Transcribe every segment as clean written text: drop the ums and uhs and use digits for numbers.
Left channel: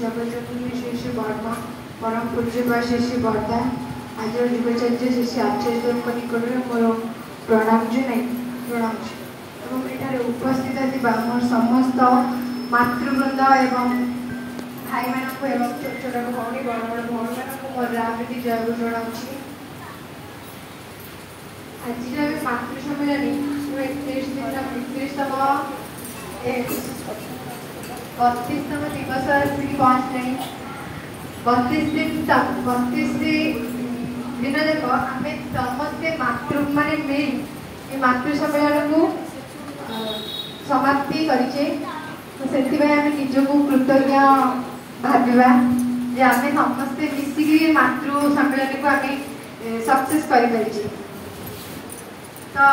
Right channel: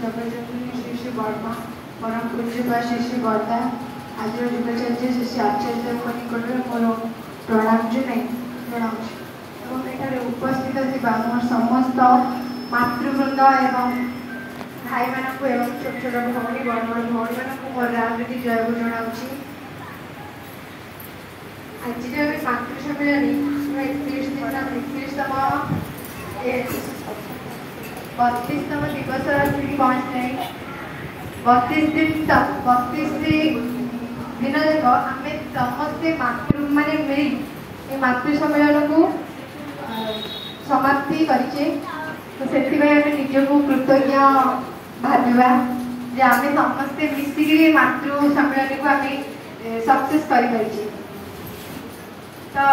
जगत श्री श्री वर्मा परम पूज्य श्री श्री वर्धा आज युगाचार्य श्री श्री आचार्य निकट मोर प्रणाम जनाऊँ उपस्थित मोर समस्त मातृवृंद एवं भाई मानक एवं छोट छोट भौणी बड़ बड़ भौणी मानक मोर रामटी जय को जनाऊँ। आज मातृ सम्मेलन 32तम दिवस पहुँचने 32 दिन तक आम समस्ते मातृ माने मिल मातृ सम्मेलन को समाप्ति करें। तो से निजक कृतज्ञ भाविबा जे आम समस्ते मिसिक मातृ सम्मेलन को आम सक्सेस कर। तो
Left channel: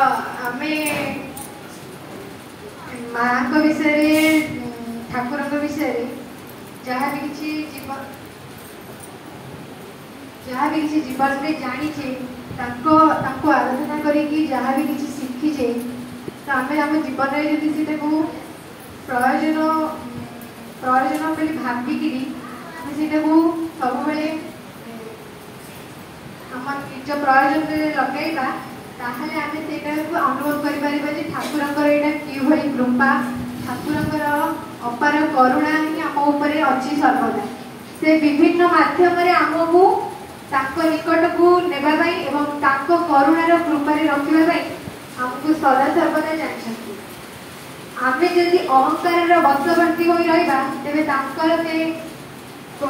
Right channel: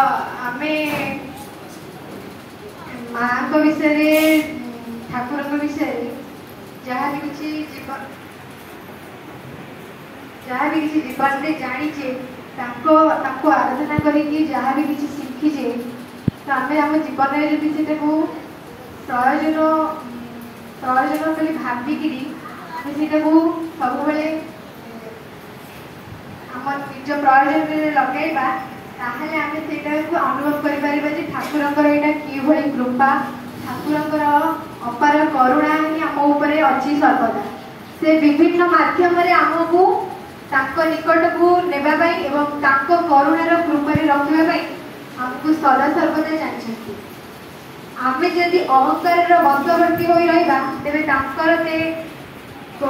आम माँ विषय ठाकुर विषय जहाँ भी किसी जीवन में जानीचे आराधना करी जहाँ भी किसी शिखीचे तो आम आम जीवन में जब से प्रयोजन बोली भाविकी सब निज प्रयोजन लगेगा ताहले आम से अनुभव कर ठाकुर यहाँ कि कृपा ठाकुर अपार करुणा ही आम उपरे अच्छी सर्वदा से विभिन्न माध्यम आमको निकट को नेबाई एवं करुणार कृपार रखापी आमको सदा सर्वदा जानते। आम जदि अहंकार वशवर्ती हो रहा तेज से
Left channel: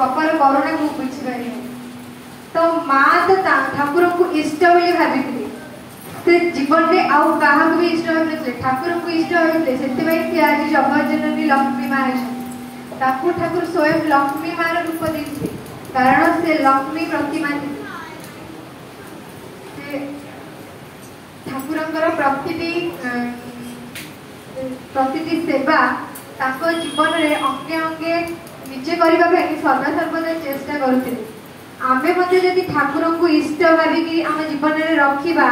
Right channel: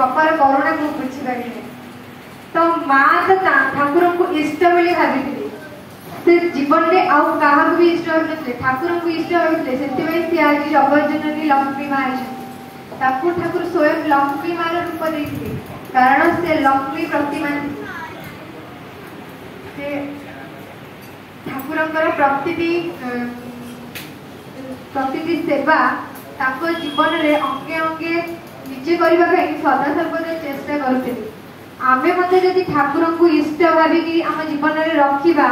अपार करुणा को बुझीपार। तो माँ तो ठाकुर को इष्ट बोली भाभी से जीवन में आउ क्या भी इष्ट होते ठाकुर को इष्ट होते से आज जगज्जननी लक्ष्मी माँ ठाकुर स्वयं लक्ष्मी मार रूप देते कारण से लक्ष्मी प्रतिमा ठाकुर प्रति सेवा जीवन में अंगे अंगे निजे करने सदा सर्वदा चेष्टा करते। आमे मते जदि ठाकुर को इष्ट भाविकी आम जीवन में रखा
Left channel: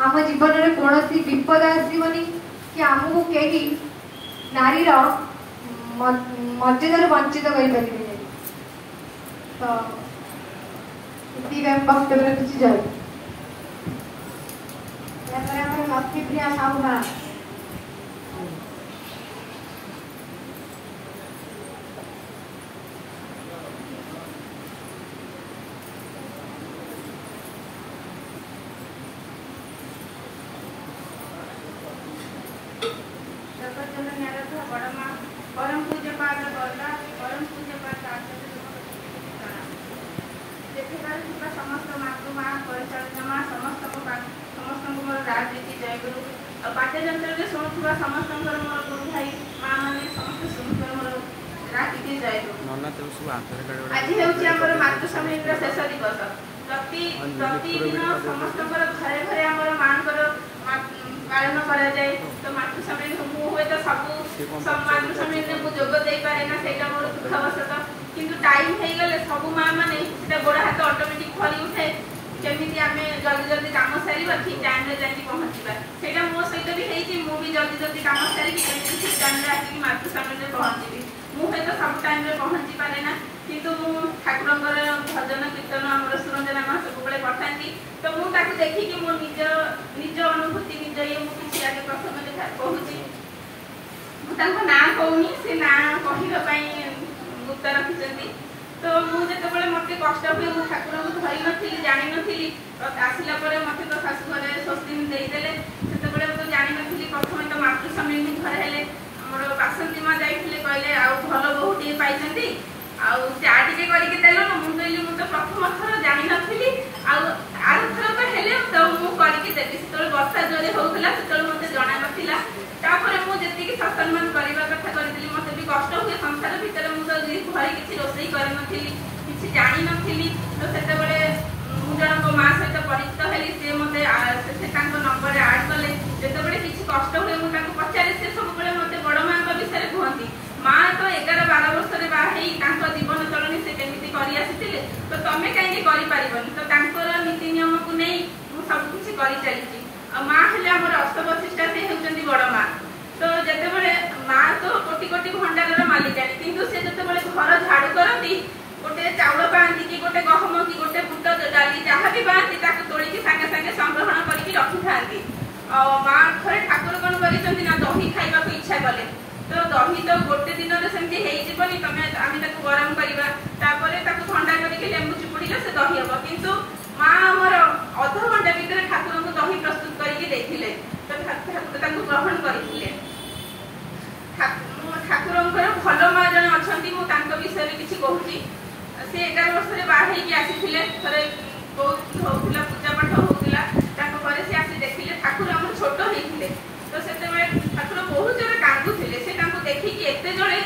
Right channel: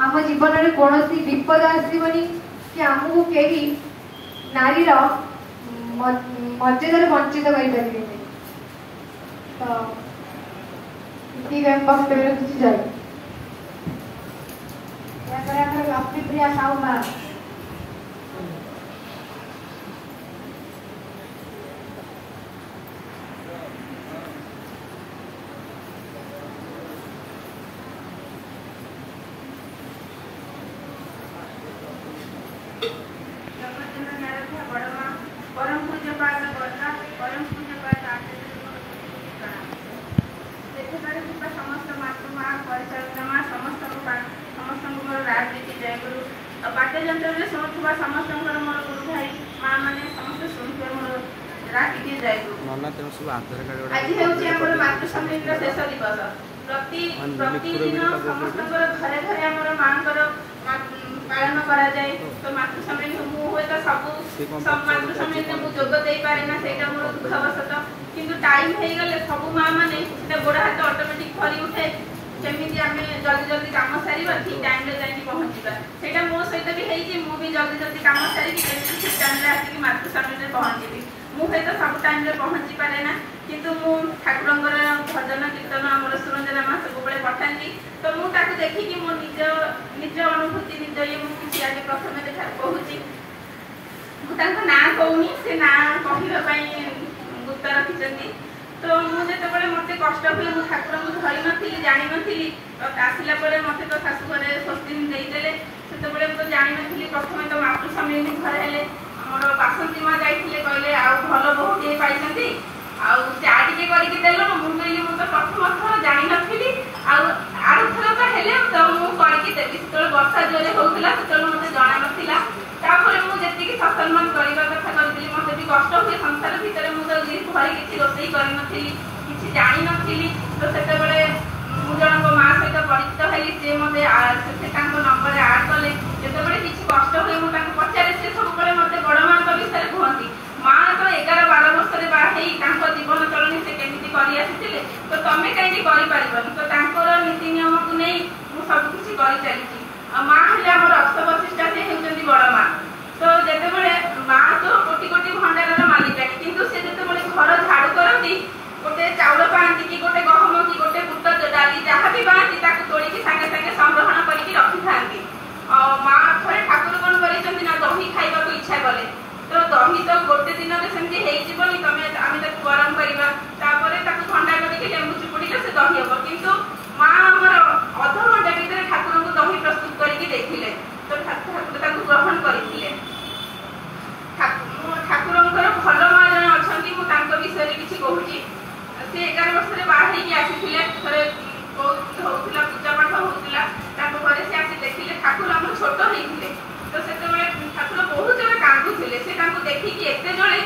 आम जीवन में कौन विपद आसबनी कि आमको कहीं नारीर मर्यादा वंचित कर तो वक्तव्य किसी जाए लक्ष्मीप्रिया साहू माँ परम पूज्य पाद वर्धा परम पूज्य पाद आचार्य समस्त मातृमा परिचालना समस्त मोर राजनीति जय गुरु पाठ्य जंत्र शुणुवा समस्त मोर गुरु भाई माँ मैंने समस्त शुणुवे मोर राजनीति जय गुरु। आज हूँ मातृ सम्मेलन शेष दिवस प्रतिदिन समस्त घरे घरे आम माँ पालन करा जाए। तो मातृ सम्मेलन मुझे तो सब मातृ सम्मेलन को जोग दे पारे ना से मोर दुखवशत किंतु टाइम हो गले सब माँ मैंने गोड़ हाथ ऑटोमेटिक फरी उठे जमी आम जल्दी जल्दी कम सारा ठीक टाइम जाकि पहुँचा से मो सहित भी मुझे जल्दी जल्दी कम सारी ठीक टाइम आसिक मातृ सम्मेलन पहुँची मुझे तो सब टाइम पहुँची पारे ना किंतु मु ठाकुर भजन कीर्तन आम सुरंजना माँ सब पठाती तो मुझे देखिकी मो निज अनुभूति निज ये मुझे आगे प्रथम देखा कहूँ ना कहूनी से ना कहवाई गुप्त रखी। तो मुझे मत कष्ट हुए मुझे ठाकुर को धरी नी जानी नी आसला मत तो शाशु घरे स्वस्ति देदेले से तो जानी नी प्रथम तो मातृ सम्मेलन घरे हेले आमर बासंती माँ जाइए कहले आ भल बहुटे पाई चा टे करके देल मुझे कहली मुझे प्रथम थर जानी नी आरथर तो हेले तो मुझे देवी से वर्षा जोरे होता से मत जना नाला तापर मुझे सत्सम्मान करने कथा करी मत भी कष्ट हुए संसार भितर मुझे घर किसी रोषे करी किसी जानी नी तो से जन माँ सहित परिचित हेली सी मत नंबर आड कले जो किसी कष्ट हुए मुझे पचारे से सब मत बड़ माँ विषय कहती माँ तो 11-12 वर्ष बाहर जीवन चलनी से केमी कर तो तुम्हें कहीं कर तो नीति नियम को नहीं मुझे सबकि कर चली माँ हेल्ला अष्ट वशिष्ठा से होती बड़ माँ तो जिते माँ तो कोटि कोटि भंडार मालिकानी किंतु से जो घर कौन करिसंती ना दही खाइबा को इच्छा कले तो दही तो गोटे दिन रे सेमती हेई जीवनी तमे आमी ताको गरम करिबा तापरे ताको ठंडा करिके लेंबू चुपुड़ीले से दही हबो किंतु मां हमर अध घंटा भीतर ठाकुर को दही प्रस्तुत करके देखिले तो ठाकुर ताको ग्रहण करिथिले ठाकुरंकर भल मां जन अछंती को तांको विषय रे किछि कहूची से 11 वर्ष रे बाहर हेकी आसीथिले थरे बहुत होउतिला पूजा पाठ होउतिला ताको घरे से आसी देखिले ठाकुर हम छोट हेइथिले तो सेते बेले ठाकुर बहुत जरे कांदुथिले से तांको देखि कि एते जळे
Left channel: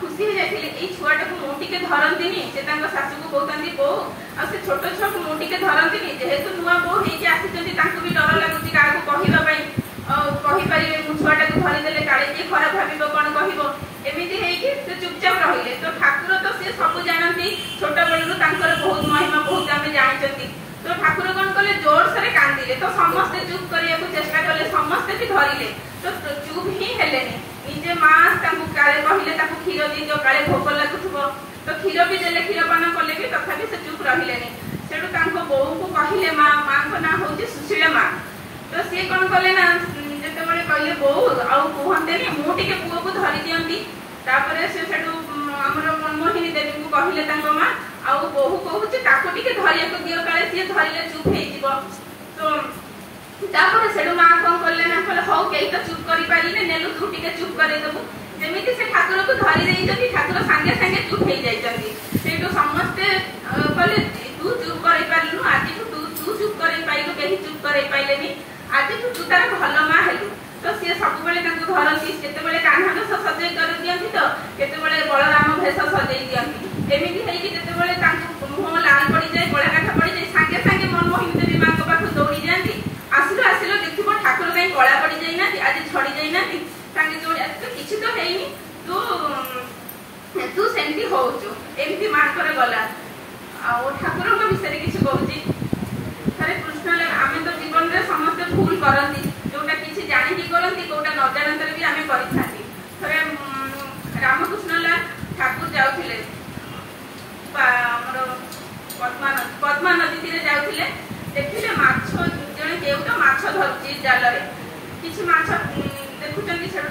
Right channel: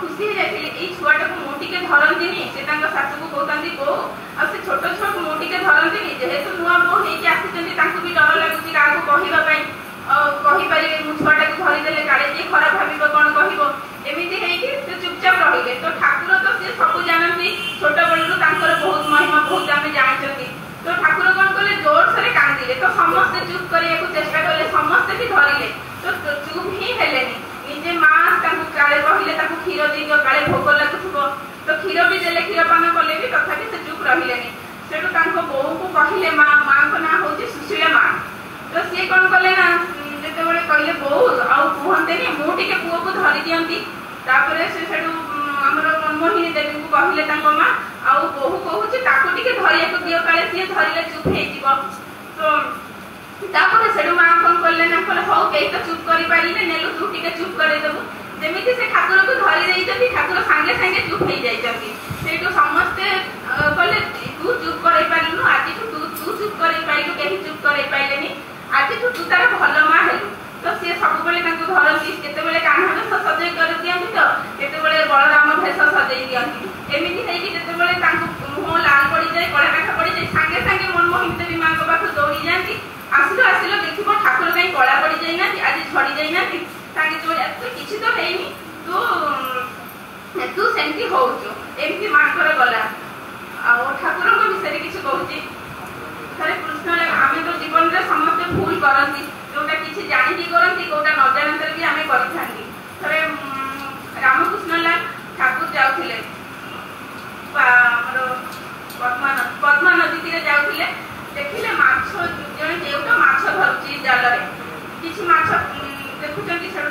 खुशी हे जाइथिले एई छुआटा को मोटी के धरंतीनी से तांको सासु को कहतांती बो आ से छोट छुआ को मोटी के धरंतीनी जेहेतु नुआ बो हेकी आसीचंती तांको भी डर लागुची का को कहिबा पई कहि पाइले मु छुआटा को धरि देले काळे जे खराब भाबिबो कोन कहिबो एमिति हेकी से चुपचाप रहिले तो ठाकुर तो से सब जानती छोट बळु तांकर बहुत महिमा बहुत आमे जानिचंती तो ठाकुर कोन कले जोर से कांदिले तो समस्त चुप करिया को चेष्टा कले समस्त भी धरिले तो चुप ही हेलेनी निजे मां तांको काळे कहिले ताको खीर दियो काळे भोक लागुथबो तो खीर भी देले खीर पान कले भी तथापि से चुप रहिलेनी सेटो तांको बोऊ को कहिले मां को ना होची सुशीला मां तो से कोन कले ना जेते बळे कहिले बोऊ आ कहंतेनी मु टिके पुओ को धरि दियंती तापरे से सेटो हमर मनमोहिनी देवी को कहिले तांको मां आ बोऊ कहूची ताको टिके धरिया को दियो काळे से धरिले चुप हे जीवो तो तापरे सेडो मां कोन कले ना कले हो के तो चुप करि पारिले नेलु तू टिके चुप करे दबु जेमिति से ठाकुर को धरि देइछथि ठाकुर संगे संगे चुप हे जाइछथि सेटो समस्त कले तू चुप करे पारिलु आज तू चुप करे पाइलु केहि चुप करे पाइलेनी आज तू तार भल मां हेलु तो से सब बेले ताको धरती केते बेले कान्हा भेष सजै कर दियंती तो केते बेले बलराम भेष सजै दियंती एमिति हेई कि केते बेले ताको मुह लाल पड़ी जाय कळा काठ पड़ी जाय संगे संगे मनमोहन देवी मां को पाखु दौड़ी जांती आसिलो देखिबो ठाकुर कहीं कळा पड़ी जाय ना आज छड़ी जाय ना संगे जो तो किछि तो हेइनी तू सेंती होउचो एमिति मां करे गला आ ठाकुर को विषय किछि कहूची अरे कृष्ण आमे तो जीवन रे समस्त भूल करंती जोटा किछि जानि की करंती कोटा न जानतर भी आमे करिथांती तबे रामकृष्ण लाल ठाकुर जाउथिले हमर पद्मा नदी तीरे जाउथिले देखिले माछ जने देउटा माछ धरची जाल रे किछि माछ देखुचंती से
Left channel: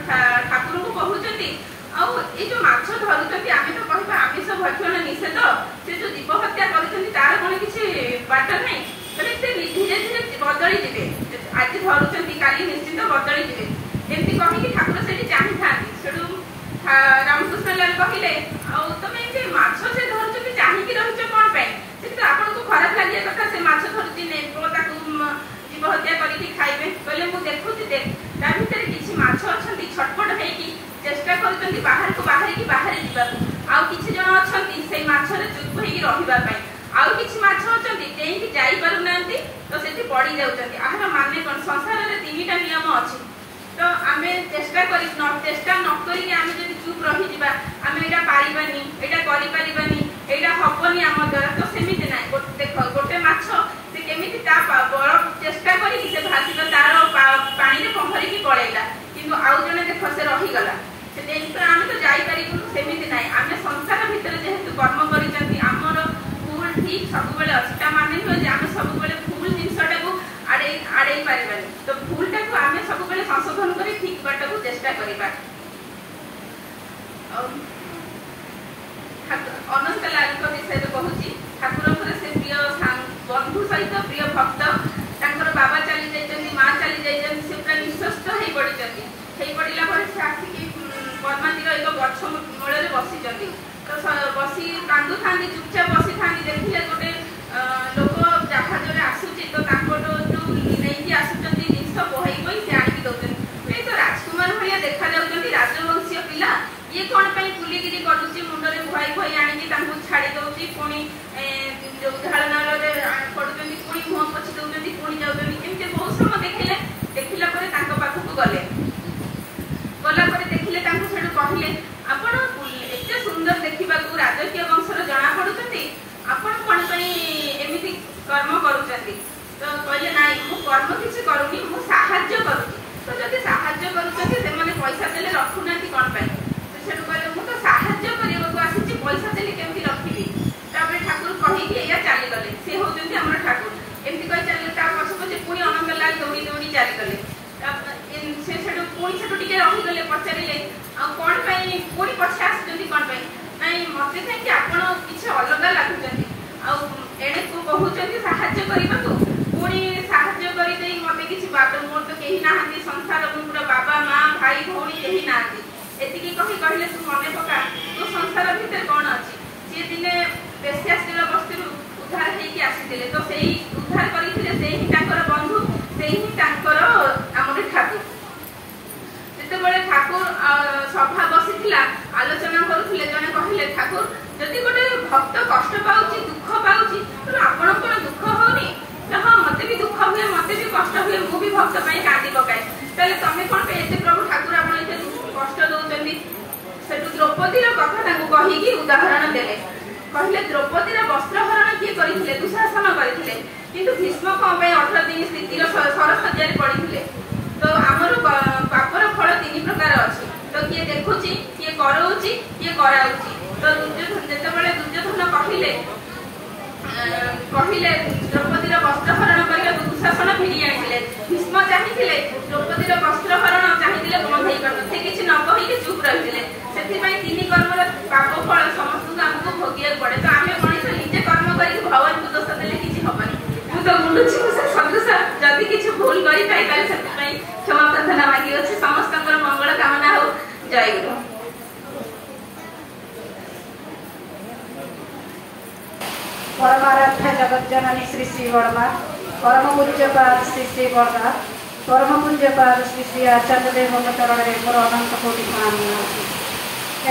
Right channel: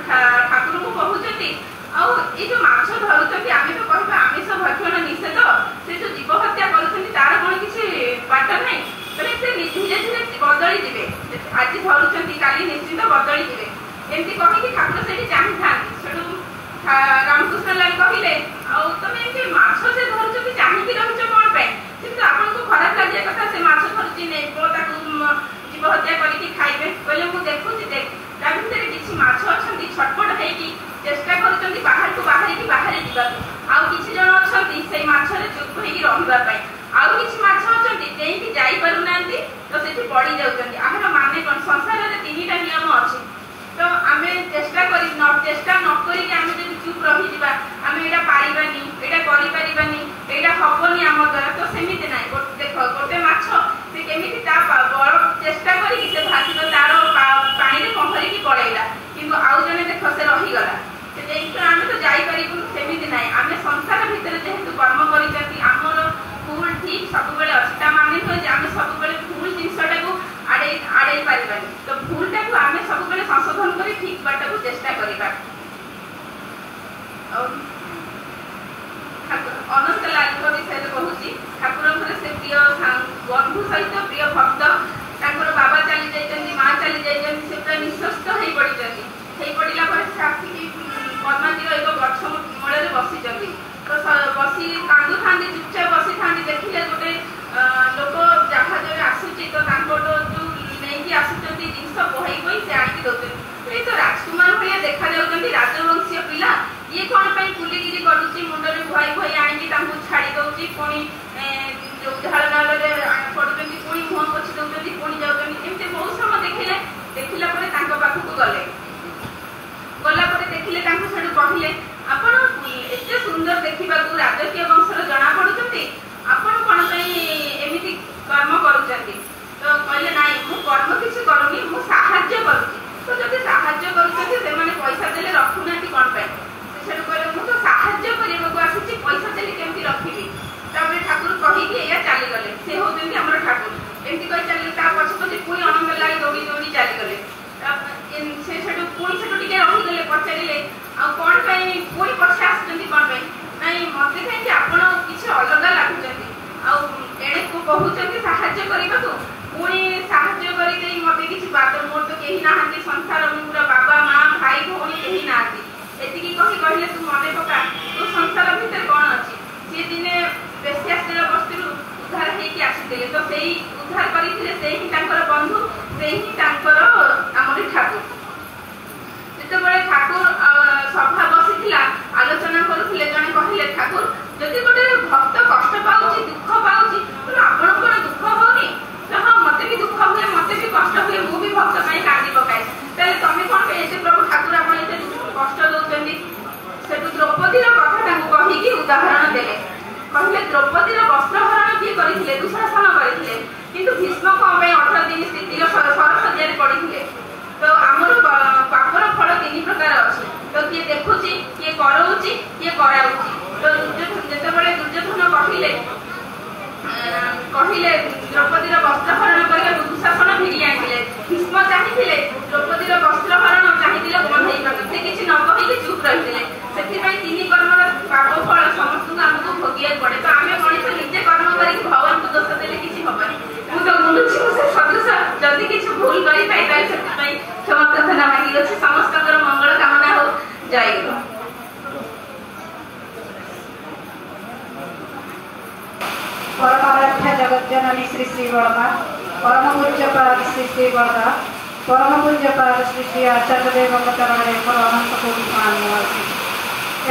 ठाकुर को कहउचंती आ ए जो माछ धरुचंती आमे तो कहबा आमिष भक्षण निषेध से जो जीव हत्या करूचंती तार कोन किछि बाट नै तबे से धीरे धीरे बदली जिवे आज धरुचंती काली निश्चित बदली जिवे एमती कहि कि ठाकुर सेठी चाहि थांती सेडू रामकृष्ण लाल कहिले आ तमे एमती माछ से धरुचंती चाहि कि रहउछ कोन पे किंतु आपन को खराब लागे कथा से माछ धरुची नै ताकू जीव हत्या करी कि खाइबे कहले मु देखुची देख ता भितर किछि माछ अछंती छटपट हेई कि चेष्टा करचंती बाहर को बाहर जीवा आ किछि जण अछंती से माछ रे चुप हेई रहिबा पई आउ किछि माछ अछंती जेई कि जाई पारु नांती तो सेठी पड़ी जाउचंती आहार माने कोन संसार रे तीनटा नियम अछि तो आमे चेष्टा न करी कि आमे जदि चुप रहि जिबा आमे एटा पारिबानी एटा करि पारिबानी एटा हबनी हम द्वारा तो सेमिते नै देखो गोटे माछ से केमिति ता बड़ चेष्टा करी कि से भासिबा तारो पानी रे पहरी कि पळेला किंतु आउ जने देखो से रहि गला से देख आमे तो जाई पारिबु सेमिते नै आमे संसार भितर जेहेतु कर्म करिचंती हमर भूल ठीक सब बेले अस्ता माने तो जे आमे सब बेले भूल जिंसटा को आड़े पारिबानी तो भूलटा को आमे सब बेले संशोधन करी ठीक बाटा को चेष्टा करिबा अनंत लाल को विषय कहूची ठाकुर से प्रिय बंधु सहित प्रिय भक्त तांकर बाबा चली जाइछन्ती मां चली जाइछन्ती से पूरा निश्चस्त हेई पड़िछन्ती हेई पड़िला पर से आसी कि पद्मातीर एक गछ मूल रे बसिछन्ती तो बसी कांदु थांती चुपचाप बसी थांती देखिले गोटे लोक जहाज रे आसुची तो तांकोटो जो नेकी आसुचन्ती जिंस बोहई से आनी दउछन्ती ए तो राजकुमार भलिया देखा जाउछन्ती राजवंशीय पिला ये कोन पई पुलिगिरी करूची मुंडरे भई भई आनी तांकु छाडी दउची कोनी जो झाड़ नाल रे पडुचन्ती कोनी मुह पछि दउचन्ती कोनी जाउचन्ती एमते बहुत समय देखिला परे तांको पाखु गले गला परे देखिले तांकु सेडु कहिले आपण एते सुंदर देखिबा को राजकीय वंशर जणा पडुचन्ती आपण कोन पई एमिति कर्म करूचन्ती तो कहले नाही मु कर्म किछ करूनी मु सहाय्य करूची तो जदि सहाय्य करूचन्ती से माने पैसा देले रखुनाती कोन पई तो सेडु कहले मु तो सहाय्य करिबा को आसुची पैसा देले केमति रखिबी तापर ठाकुर पचारे कौन पुणी पछे आसुँच कौन नाई मत कहीं आप किसी अलग लगुंट एड़े कहते साहाଯ୍य करने को पुणी साहाଯ୍य करदे मत किसी बात मोर तो कहीं ना संसार पूरा बाबा माँ भाई भौणी कहीं ना एति कहले तू मन पका तो संसार भितर कौन अच्छी सी दिने बेसियास बस्ती उद्धार होकर आसी तो से उद्धार करते बंधु से आमर ठाकुर जो ठाकुर सभा बसी आलोचना करुले जड़े कहले ठाकुर जदि गोटे भक्त कष्ट पाऊँ दुख पाऊँ तो आपण कौन दुख होनी हाँ मत भी दुख हुए मत भी कष्ट हुए मुझे भक्त कांदी पकाए तेल तुम कौन ये प्रभु ठाकुर आप कष्ट दौरान से द्रौपदी कथा कहीकि उदाहरण देले कहले द्रौपदी वस्त्रहरण किए करते दुशासन करते किंतु भीष्म कौन 18 दिन स्थिति सरसज्जा पड़े तो आमर पापर फल 3 प्रकार अच्छे तो किए देखुची किए कराऊँची किए कराऊँची तो जितेबाला दुर्योधन कहले कहले द्रौपदी वस्त्रहरण करने दुशासन फिरी आए भीष्म चाहिए द्रौपदी वस्त्रहरण चाहिए बंधई पार से किसी न कही चुप रही से 3 कर्मर पाप फल समस्त आमको भोगिया पड़े तो आम मनीष निजे कर्म कर भगवान को दोष देने किसी हेनी मुझे मुंडुची से सदृश जदि किसी भूल करें क्षमा प्रार्थना मांगी अच्छे समस्त मंगल कामना हो जय गुरु। परमाराध्य जगत जननी श्री श्री वर्मा परम पूज्यपाद श्री श्री वर्मा परम पूज्यपाद श्री श्री आचार्य देव चरण मोर अनंत कोटि प्रणाम।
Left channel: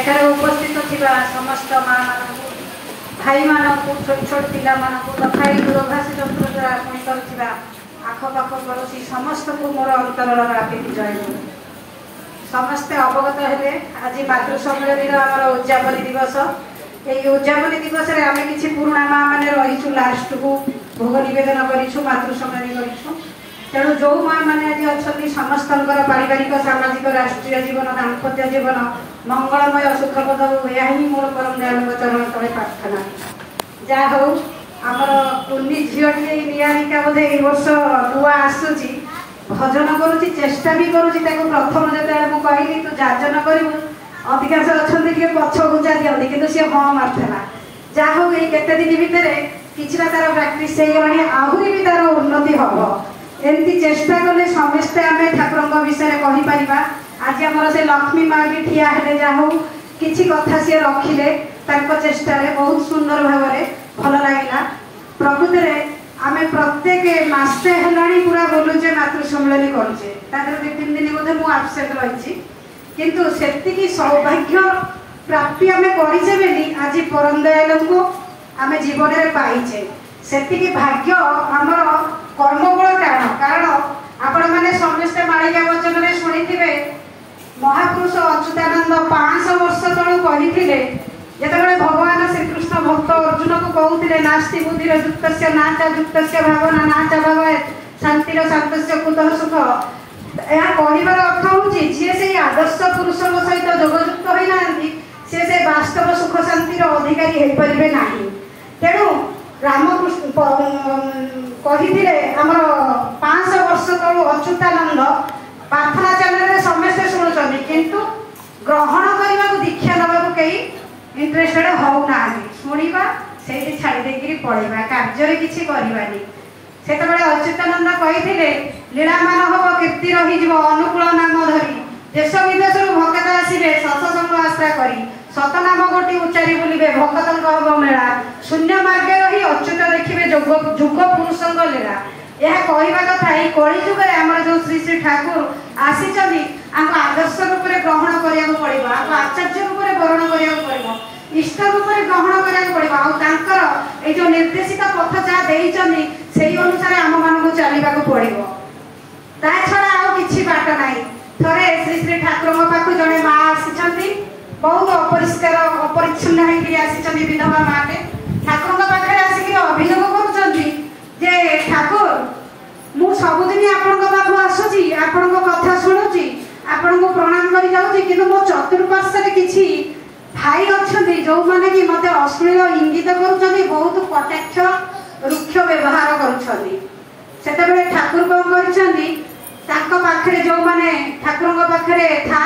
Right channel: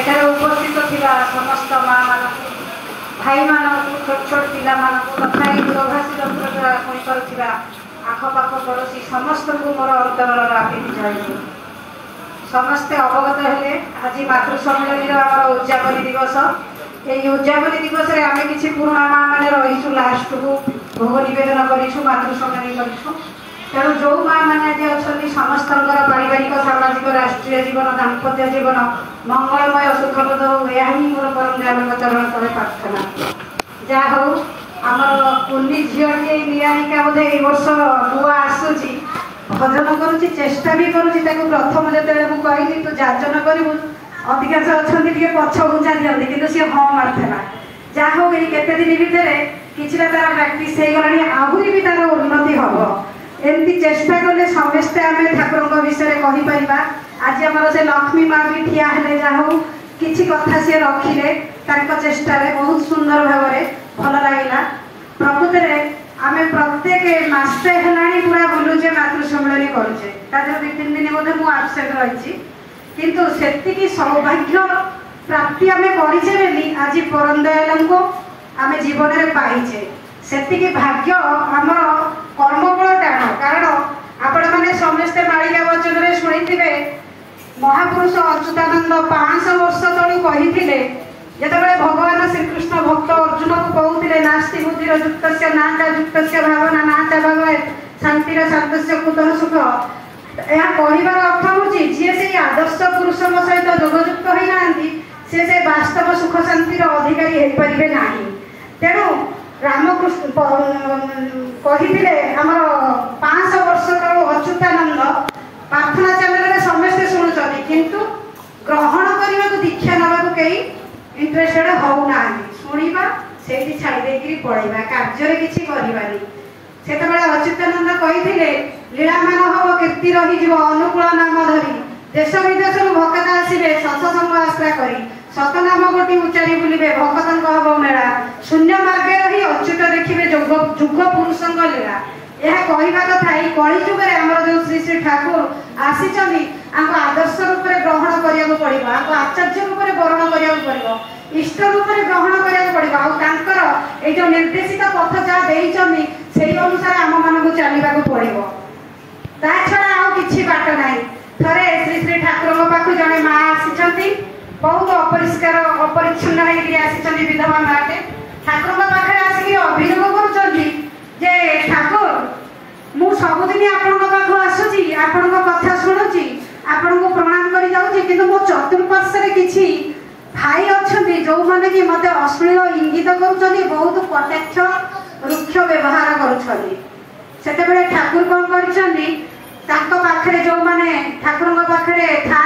एठारे उपस्थित थिबा समस्त माँ मानक भाई मानक छोट छोट पिला मानक तथा दूरभाषी जंत्र द्वारा शुणी करुवा आखपाख पड़ोशी समस्त को मोर अंतरर आपित जय समस्ते अवगत हेले आज मातृ सम्मेलन आम उद्यापन दिवस ये उद्यापन दिवस में आम कि पुराणा माँ मैंने रहीचु लास्ट को भोग नवेदन करूँ मातृ सम्मेलन करूँ तेणु जो माँ मैंने आज अच्छा समस्त पारिवारिक सामाजिक राष्ट्रीय जीवन दाम्पत्य जीवन मंगलमय सुखपद हो यह ही मोर परम दयाल चरण तले प्रार्थना जहाँ हूँ आमर कुंडी झीटी नियाणिका बोधे ये वर्ष नुआ आसूची भजन करुच्ची चेष्टा भी करुच्ची प्रथम जो कहली तू जाजन करू अधिकांश अच्छा पछ गुंजा दिखती कि सी हाँ मार्ला जहाँ हूँ ये केते दिन भितर किसी तार प्राक्ट हो गला आहरी भी तार उन्नति हम एमती चेष्टा कले समस्ते आम ठाकुर विषय कहीपर आज आमर से लक्ष्मी माँ भी ठिया हेले जहाँ हूँ किसी कथा सी रखिले चेष्टा बहुत सुंदर भाव भल लगे प्रकृत में आम प्रत्येक मासे है पूरा बोलुचे मातृ सम्मेलन करुचे 2-3 दिन बोधे मुझे आबसेंट रही किंतु से सौभाग्य प्राप्ति आम करे आज परम दयाल को आम जीवन में पाइचे से भाग्य आम कर्मबल टाण कारण आपण मैंने समस्ते मालिका वचन में शुणी महापुरुष अच्युतानंद 500 वर्ष तलू कही जिते भगवान श्रीकृष्ण भक्त अर्जुन को कहते नास्ति बुद्धिर युक्त नाचा युक्त भावना नाचा भाव शांतिर शांत कुतः सुख यह कहबार अर्थ हूँ जी से आदर्श पुरुष सहित जोगयुक्त होना से वास्तव सुख शांतिर अधिकारी हो पारे ना तेणु रामकृष्ण कहते आमर 500 वर्ष तलू अच्युतानंद प्रार्थना चैनल समस्ते शुणुंट किंतु ग्रहण करने को दीक्षा नवा कई इंटरेस्टेड होना शुणा से छाड़ी पड़ेगा कार्य किसी करवानी से अच्युतानंद कही लीलामान हम कीर्ति रही अनुकूल नाम धरी देश विदेश भक्त आसवे सत्संग आश्रा करी सतनाम गोटी उच्चारी बुलवे भक्त हम मेला शून्य मार्गे रही अच्युत देखिए जुग पुरुषों लीला यह कहवा कथा ये कलिजुग आम जो श्री श्री ठाकुर आसी आदर्श रूप में ग्रहण करा पड़ो आचार्य रूप में वर्ण करा पड़ो इष्ट रूप में ग्रहण करा पड़ो जो निर्देशित पथ जहाँ से अनुसार आम मान चलने पड़ो ता छड़ा आउ कि बाट ना थे श्री श्री ठाकुर पाक जड़े माँ आसी बहुत अपरिष्कार अपरिच्छिन्न होती विधवा माटे ठाकुर पाखे आसिक अभियोग कर ठाकुर मु सबुदिन आपण आसुची आपण कथा शुणुची आपण को प्रणाम कर जाऊँगी कि मो चतुर्पार्श्व किसी भाई अच्छा जो मैंने कि मत अश्लील इंगित कर बहुत कटाक्ष रुक्ष व्यवहार कर ठाकुर कौन कर पाखे जो मैंने ठाकुर पाखे था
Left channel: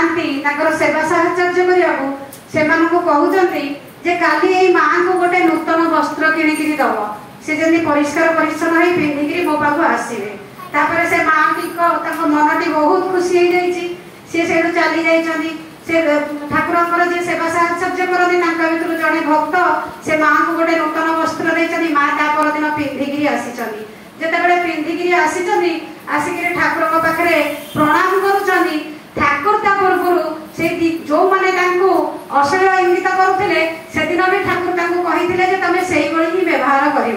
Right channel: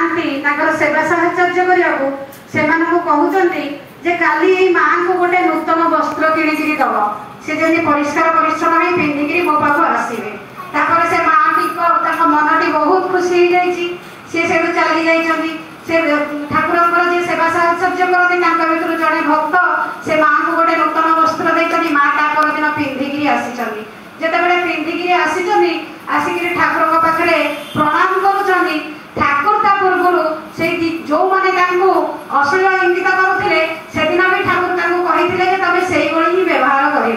सेवा साहचर्य करने से कहते जे काली यही माँ को गोटे नूतन वस्त्र किणिकी दब से जमी परिष्कार परिच्छन्न हो पिंधिकी मो पाक आसवे से माँ टी मनटी बहुत खुशी हो जाए चली जाइए से ठाकुर जी सेवा साहचर्य करते भर जड़े भक्त से माँ को गोटे नूतन वस्त्र देती माँ ता परदिन पिंधिकी आसी जितेबाला पिंधिकी आसिक ठाकुर पाखे प्रणाम करुँच ठाकुर पूर्व से जो मैंने अश्लील इंगित करुले से दिन भी ठाकुर कहते तुम से ही व्यवहार कर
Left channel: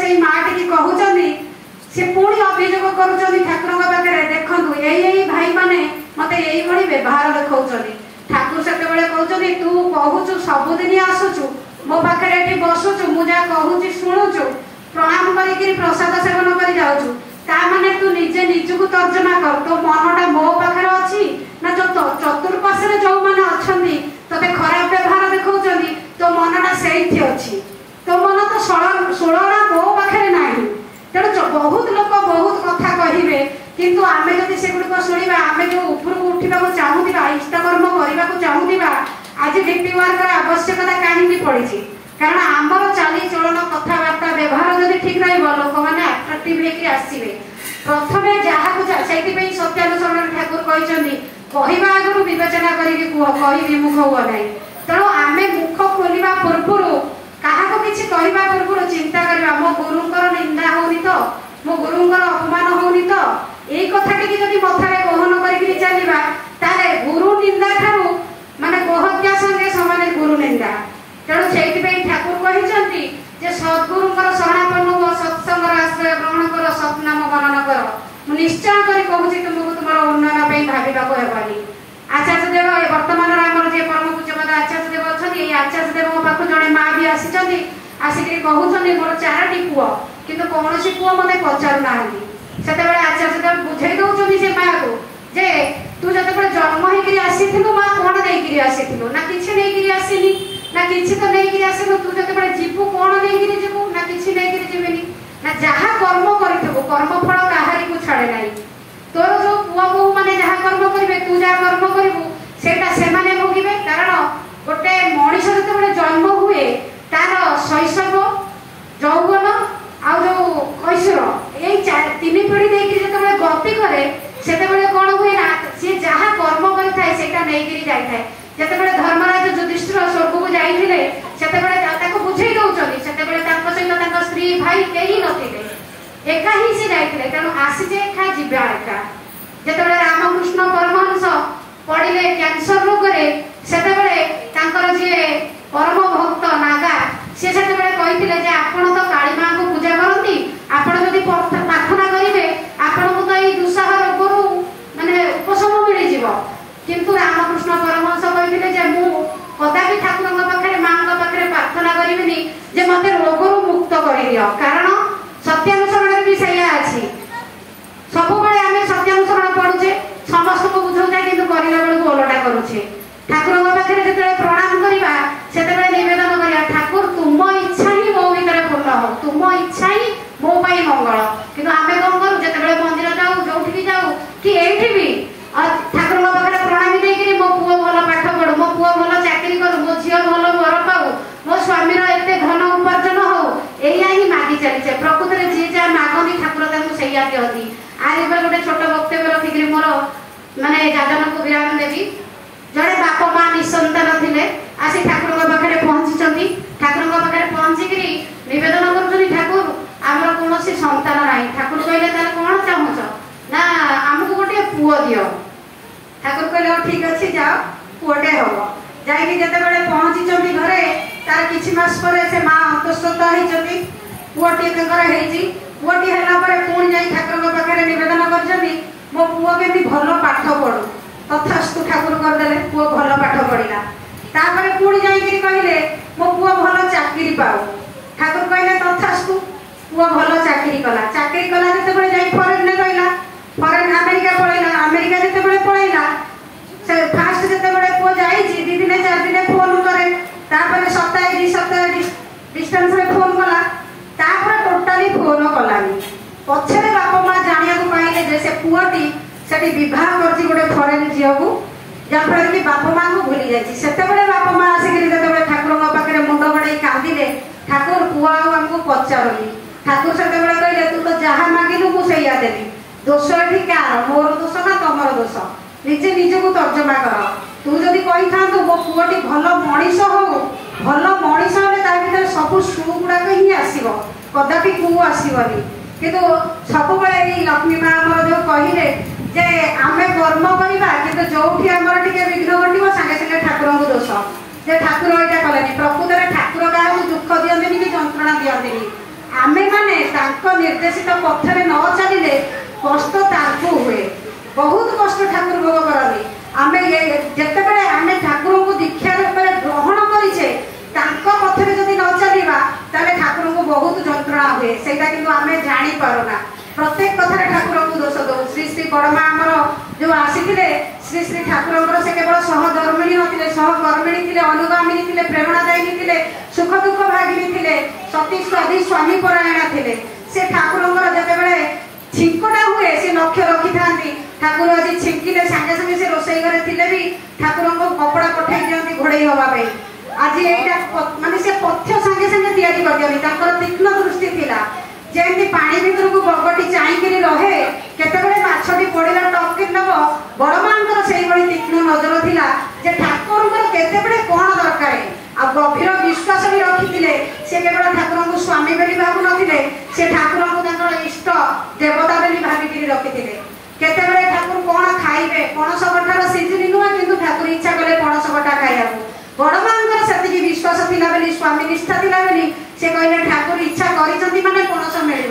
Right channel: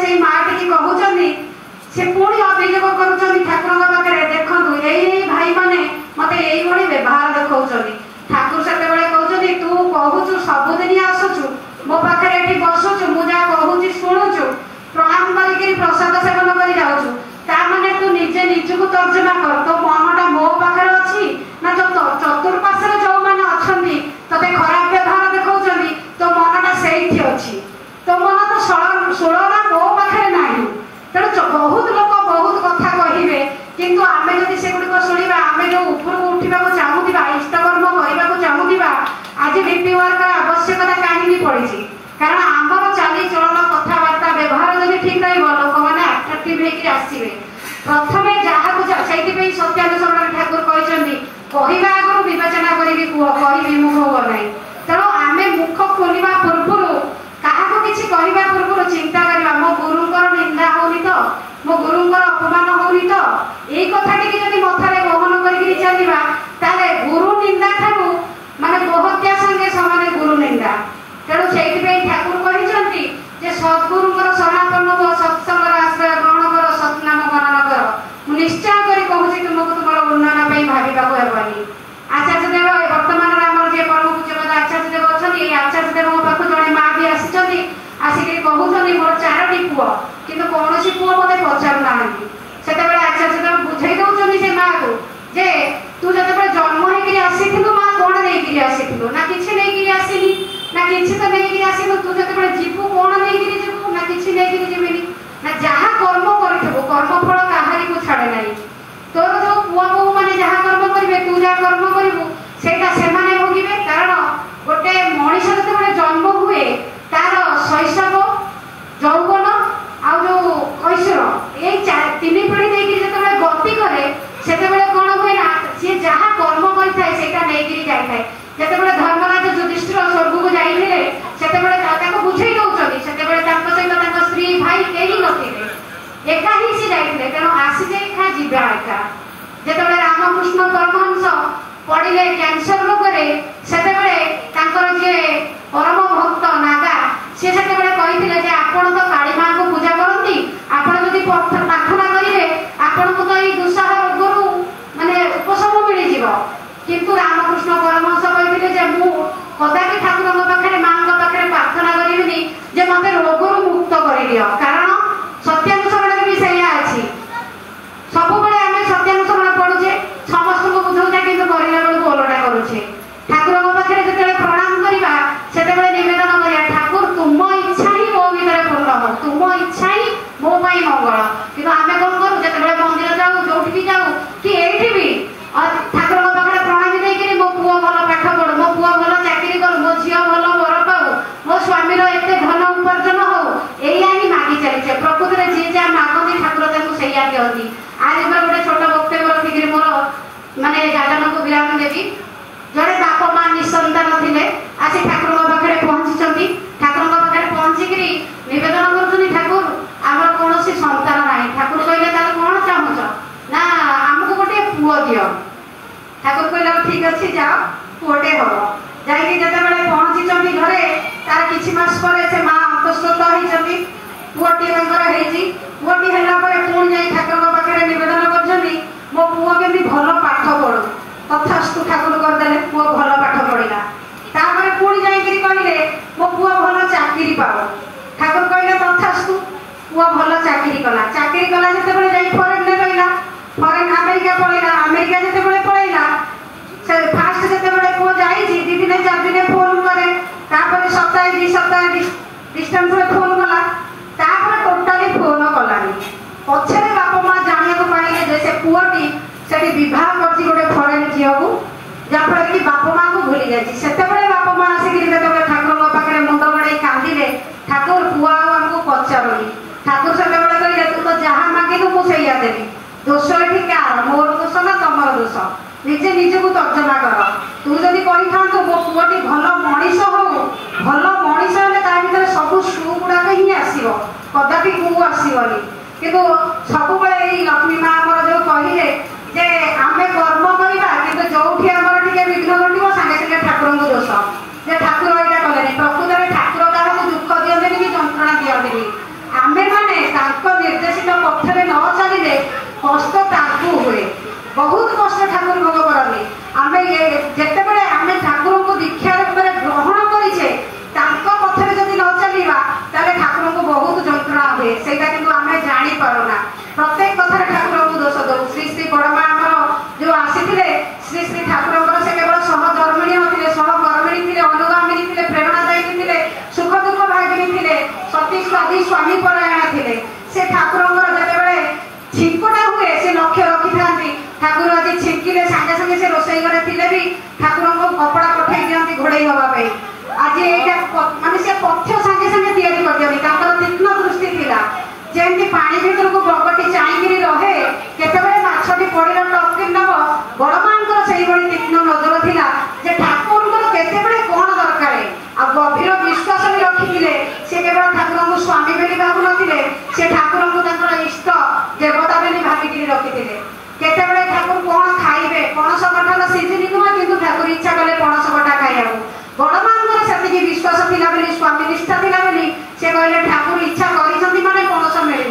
से माँ टी कहते से पुणी अभियोग कर ठाकुर पाखे देखु यही भाई मैंने मत यही व्यवहार देखा ठाकुर से कहते तू कहूचु सबुदिन आसुचु मो पाखे बसुचु मुझे कहूँ शुणुचु प्रणाम कर प्रसाद सेवन कर जाऊँ ताने तू निजे निजक तर्जमा कर तो मनटा मो पाखे अच्छी ना जो चतुर्पार्श्व जो मैंने अच्छा ते खराब व्यवहार देखा तो मनटा से अच्छी तो मन तो षोलना मो पाखे ना तेणु बहुत लोग बहुत कथा कहे किंतु आम जब से गुड़क शुणा आम जो ऊपर उठा चाहूबा इष्टकर्म करने को चाहूबा आज डीपी वर्क आवश्यकता कहीं पड़ी कारण आमर चाली चलन कथबार्ता व्यवहार जब ठीक रोक मैंने आट्राक्टिव आसवे प्रथम जहाँ से सत्यानुसरण ठाकुर कहते कहवा आगु विवेचना करी कह कही मुख हुआ ना तेणु आम मुख खोलवा पूर्व क्या किसी कहवा पूर्व चिंता करवा मो गुरुंर निंदा होनी तो मो गुरुंर अपमान होनी तो यही कथाटी जब मथारे गहन कर चलवा ताले गुरु निंदा ठारू माने गोहत्या संगे समान गुरु निंदा तेणु से ठाकुर कहते सद्गुरुंर शरणापन्न हो सत्संग आश्रय ग्रहण कर सत्नाम गणन कर निश्चय कर कहूँ तुमको तुम उन्नयन भावी आचार्य देव बर्तमान आम जे परम पूज्य आचार्य देव अच्छा आचार्य देव मो पाक जड़े माँ भी आसिक कहते मोर 4टी पुओ किंतु कौन पुओ मत पचारूना से आचार्य देव बुझे दौरान से माँ को जे तू जो जन्म होकर आसीलु माँ कौन नहीं आसीलु ना किसी नहीं आसली ना किसी तो नहीं आसलु तू जो जीवु कौन नहीं जीवु ना किसी नहीं जीवेनि ना जहाँ कर्म करू कर्मफल कहारी को छाड़े ना तोर जो पुआ बो मैंने जहाँ कर्म करेंगे तू जहाँ कर्म करू से भोगे कारण गोटे मनीष जो जन्म हुए तार शैशव यौवन आ जो कैशोर ये 3 पीढ़ी देखिए जो गति करे से कौन हुए ना सी जहाँ कर्म करता नहीं जाए जिते धर्मराज युधिष्ठिर स्वर्ग को जाते से बुझे दौरान से सहित स्त्री भाई कहीं नथिले एका ही से जाते तेणु आसीजे एका जीवा एका जिते रामकृष्ण परमहंस पड़े कैंसर रोग से जी परम भक्त नागा सी से कहते आपण तो काली माँ को पूजा करती आपण जदि प्रार्थना करेंगे आपण को तो यही दुस्साह रोग माने उपशम मिल किंतु रामकृष्ण परमहंस कहते मु कदापि ठाकुर पाखे माँ पाखे प्रार्थना करी जे मत रोग मुक्त कर दियो कारण सत्यानुसरण भी सैया अच्छी सब आम सत्यानुसरण पढ़ुचे समस्त को बुझौता कि बेलू ओलटा करुचे ठाकुर पाखे जो प्रणाम करवा से नवेदन करा ठाकुर तुम इच्छा ही मो भर पूर्ण हो तुम इच्छा ही मो मंगल कि आम कौन करूँ जो मंदिर जाऊ जो भी जाऊ कि ये भी ठाकुर पाखे प्रणामी नहीं मो पुओ भल पाठ पढ़ू मो पुओ भल चाकरी करू मो झील भल वर पाऊ मो स्वामी एत धन उपार्जन हो या ही मागि चली प्रकृति में जी जहाँ मागती ठाकुर से दिखती आज गोटे छोट वक्तव्य रखिक मोर माने जादन को विराम देवी जड़े बाप माँ निसंतान थे आसी ठाकुर पाखे पहुँची ठाकुर पाखे पहुँचिक नवेदन कर ठाकुर आमर कौन संतान ना ठाकुर कहले तार कौन चाहूच ना आमको गोटे पुओ दियो ठाकुर कहले ठीक अच्छे जाओ पुओटे हम जाते पहुँची घरे तार किछि मास पर से माँ अंतस्थ होती पुओटी पुओटी है पुणी जा ठाकुर पाखे नवेदन कर मो पुओ के भल पाठ पढ़ू तथास्तु ठाकुर करदे पुओ भल पाठ पढ़ा तापर पुणी जाकि कहले मो पुओ भल चाकरी पाओ ठाकुर कहले तथास्तु पुओ भल चाकरी कला जिते जा फरेन में रहा फरेन अमेरिका पलैला अमेरिका जिते पलैला से फास्ट जिते पुओ जा 2 दिन 4 दिन फोन करे तापर सप्ताह 2 सप्ताह डिस्टेंस फोन कला तापर टोटाली फोन कलानी पछरे बाप माँ जानिया पाइले जे से पुओटी से बह कर गोटे फरेन झील को जहाँफल कि बाप माँ को भूली जाए से बाप माँ आसिक ठाकुर पाखे मुंड बड़े कांदिले ठाकुर पुआ आमको पचारूनी ठाकुर से कहले तू तो जहाँ मागिलु मुझे देवी दोष ये कार मोर दोष ना तुम दोष निजे निजक तर्जमा कर तू जदि कही था मो पुओटी भल मनीष हो भल मनीष हेल्ले सब सु गुड़ाक ही आसो कदापि कु आसबनी किंतु सब लक्ष्मी माँ आमर जो कहले जे आमे कर्म करवा कि जो आमर टे विघ्न घटो सागे सागे ठाकुर को दोष जे ठाकुर यहाँ कले प्रकृत में ठाकुर क्या दुख दिखती कि जंत्रणा दिखती आमे मैंने निर्देशित पथरे न चलिए कष्ट हुए बहुत कष्ट ठाकुर भोग करती आमे जितेबाला आम ठाकुर को दीक्षा रूप में ग्रहण करें पथरे जदि न चलवा ताले ठाकुर को बहुत जंत्रणा हुए से आम जापना प्रत्येक कथार ठाकुर को दोष दो श्री श्री बड़मा आमर जो आसी श्री श्री ठाकुर से केवल सहधर्मिणी होते सहकर्मिणी थे अनुगामिनी थे प्रेरणादायिनी थे सुख दुख भागिनी थे सती सदी स्वामी परायण थे से ठाकुर जितेबाला छिंकटा हुए से लक्ष्य रखी था ठाकुर आज छिंकिले सागे सागे से रोसई घरे थे भी ठाकुर को कपड़ा पठे दिखती घोड़े हाँपाई आज यहाँ मानने से पथ्य सागे सागे या तीक्ष्ण दृष्टि थी जमी पानी भीतर को बगटी चाहकर रहे केतबे माछटी पड़ा टपकी नब बड़ माँ से तीक्ष्ण नजर थिला जे ठाकुर केतबे कौन दरकार आ गभीर विश्वास भी रखी से केवल ठाकुर को स्वामी बोली भावु नथिले से ठाकुर को इष्ट देवता बोली भाविक रखी केतबे ठाकुर कौन खाइबे पणस कठार सीजन नुह कि ठाकुर इच्छा कले पणस कठा खाइबा बड़ माँ से विश्वास थिला स्वामी निष्ठा थिला से कहले ठाकुर इच्छा करी माने पणस मिल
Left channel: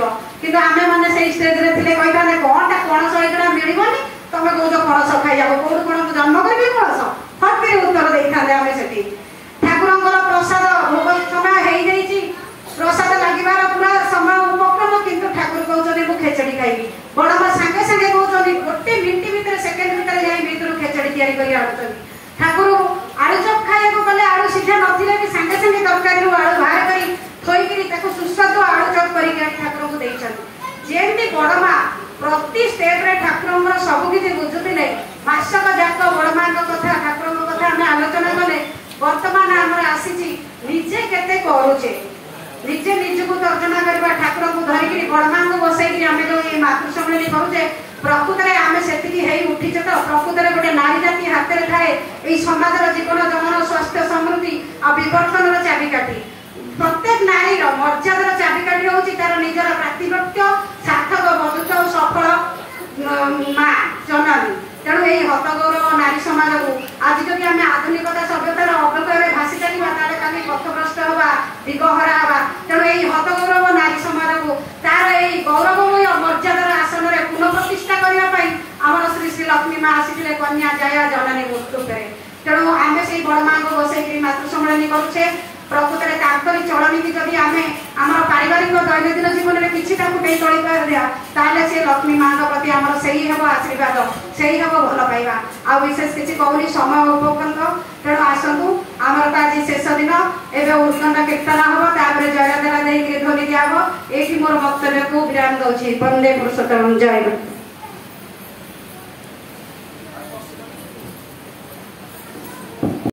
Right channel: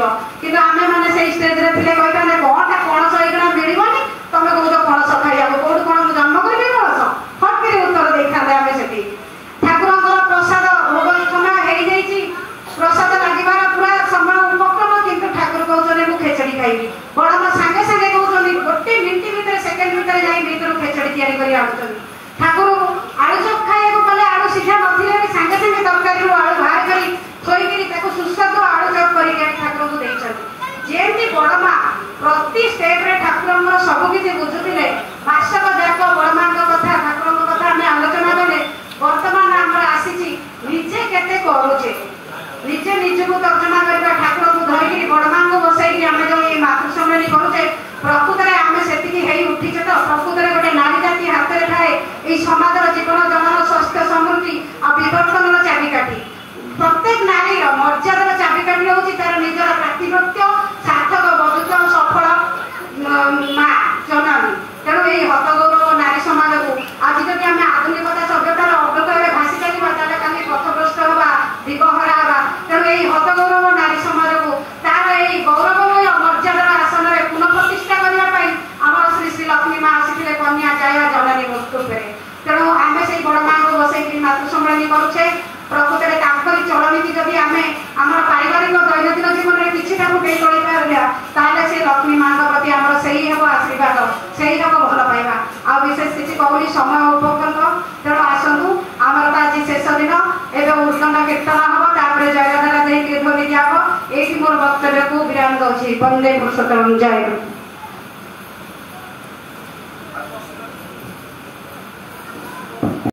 कि आम मैंने से स्टेज रे थे कही कौन पणस होगा मिलनी तुम कौन पणस खाइबा कौट कौन जन्म करी पणस फट कर उत्तर दे था आम से ठाकुर प्रसाद भोग समय हो प्रसाद लगे पूरा समय उपक्रम किंतु ठाकुर कहते मुझे खेचड़ी खाइबी बड़ माँ सागे सागे कहते गोटे मिनिट भितर सेकेंड भितर जा खेचड़ी या ठाकुर आलू चप खाइबा गले आलू सीझा नथिले भी सागे सागे तरकारी आलू बाहर करी थोक सुस्वादु आलू चप कर ठाकुर को देती बड़ माँ प्रति स्टेप रे ठाकुर सबकि बुझुले मासक जाक बड़ माँ कथा ठाकुर कथा आम आलोचना कले बर्तमान आमर आसी निजे केते करुचे निजे निज को तर्जमा करवा ठाकुर को धरिकी बड़ माँ को बसई आम जो ये मातृसम्मेलन करुचे प्रकृत में आम से उठी तो प्रकृत गोटे नारी जाति हाथ में थाए ये समाज जीवन जमन स्वास्थ्य समृद्धि और विवर्तन चाबिकाठी प्रत्येक नारी मर्यादार चाबिकाठी हूँ तार निजर प्रातिपत्य सार्थक बधुता और सफल माँ जननी तेणु ये हतगौरव नारी समाज को आज जब आम आधुनिकता सभ्यतार अवतरे भासी चलवा ताकि पथभ्रष्ट हवा दिगहरा हवा तेणु ये हतगौरव नारी समाज को तार ये गौरवमय मर्यादार आसन में पुनः प्रतिष्ठा करने आमर श्री श्री लक्ष्मी माँ आसी कन्या जया जननी वस्तु तेणु आम से बड़ माँ को बसई मातृसम्मेलन करुचे प्रकृत में चलनीति जदि आम आम पारिवारिक दैनंदिन जीवन में किसी फुटे चल पारे से लक्ष्मी माँ प्रति आम से ही हम आशीर्वाद से ही हम भल पाइबा आ विशेष किसी कहूनी समय उपक्रम तेणु आसतु आमर आज शेष दिन एवं उद्दंड कीर्तन हम तापर जयधारा ध्वनि दिहब ये मोर वक्तव्य को विराम दौर वंदे पुरुषोत्तम जय गुरु।